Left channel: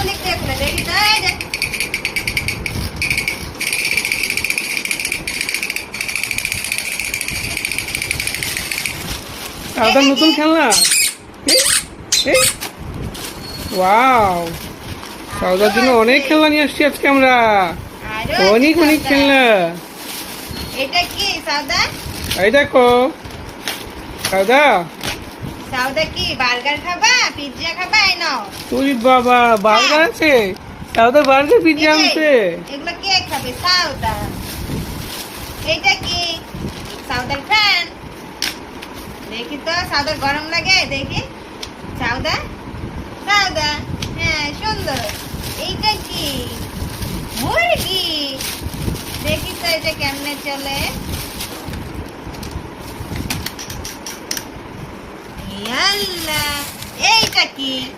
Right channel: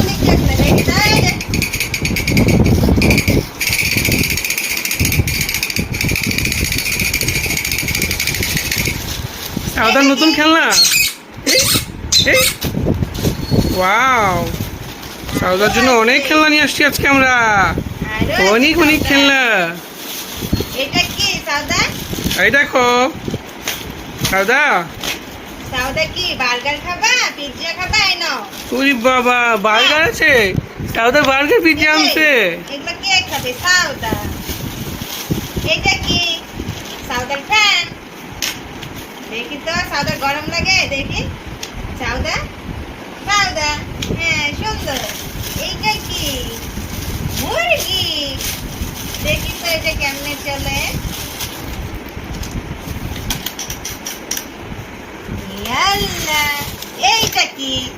কোন দিক দিয়ে খুলে দেখি তো, এই যে। সাউদার নতুন খেলনা। এই এই ওয়াও, সাউদার জন্য অনেক খেলনা নিয়ে আসছি আজকে আমরা। আরো অনেক আছে অনেক সাউদা। খেলনা। এটা কি সাউদা? এই দেখো সাউদা। সাউদা কি বার্গার খাবা, পিৎজা খাবা? এই নাও। ওরে বাবা, বার্গার আছে? সাউদা বার্গার পিজ্জা এই যে, আনছে। এগুলো কে খাবে? সাউদা। এটা কি সাউদার ফ্যান? দেখি তো, সাউদার গরম লাগে দেখি। সাউদা, সাউদা, হ্যাঁ সুন্দর। এইটা কি? মুরগি। দেখি তো এটা কেমনে চলে। ইয়াল্লা, এইটা কি?